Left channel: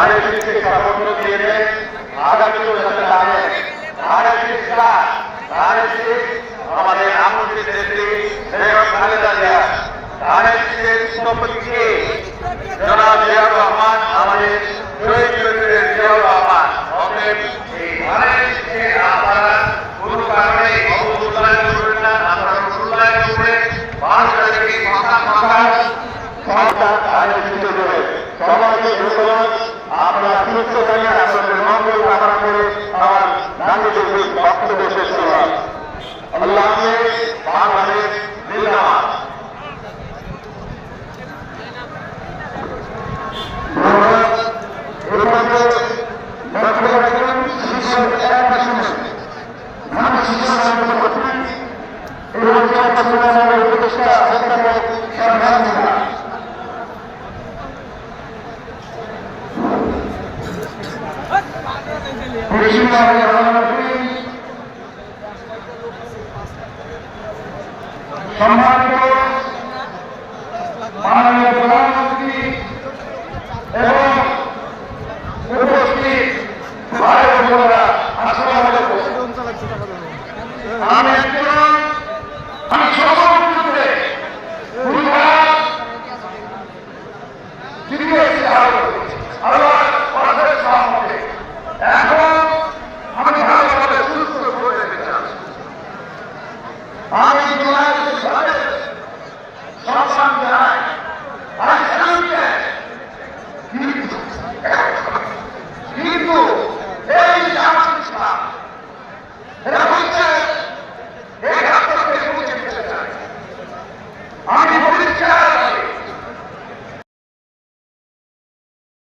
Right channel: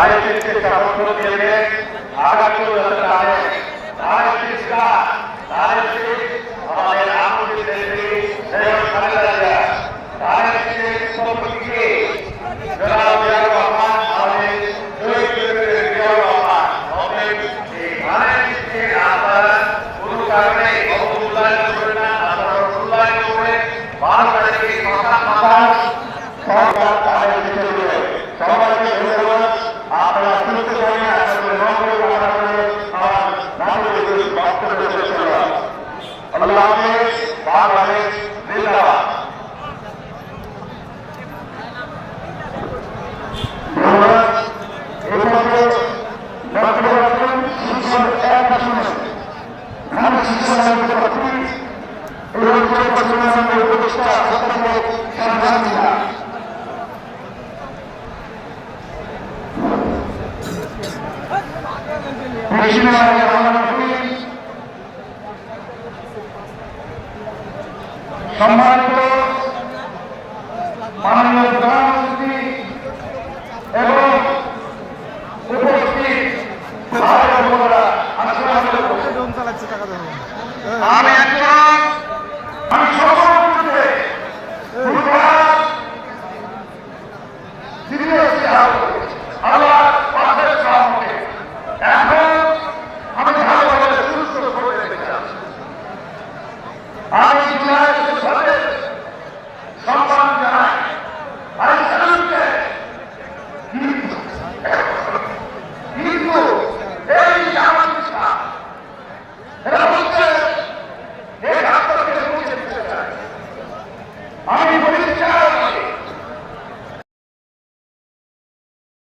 রাজনীতিকে সমর্থন দিয়েছে আগামীও রাজনীতিরা রাজনীতি আমাদের আমাদের রাজনীতিকে ধন্যবাদ। আপনারা সুস্থ থাকেন, আপনাদের মঙ্গল কামনা করে আমার গান্ধীদের বক্তব্য শেষ করলাম। আল্লাহ হাফেজ, বাংলাদেশ জিন্দাবাদ। উপদেষ্টা অত্যন্ত বিসমিল্লাহির রহমানির রহিম সম্মানিত মাননীয় প্রধানমন্ত্রী এবং উপস্থিত আমি একজন আমি সর্বমুখে জিজ্ঞেস আল্লাহ অশেষ সহমতে এখন আমি ভালোভাবে সুস্থ করে যেতে চাই আমি জুলাই সম্মান জানাই।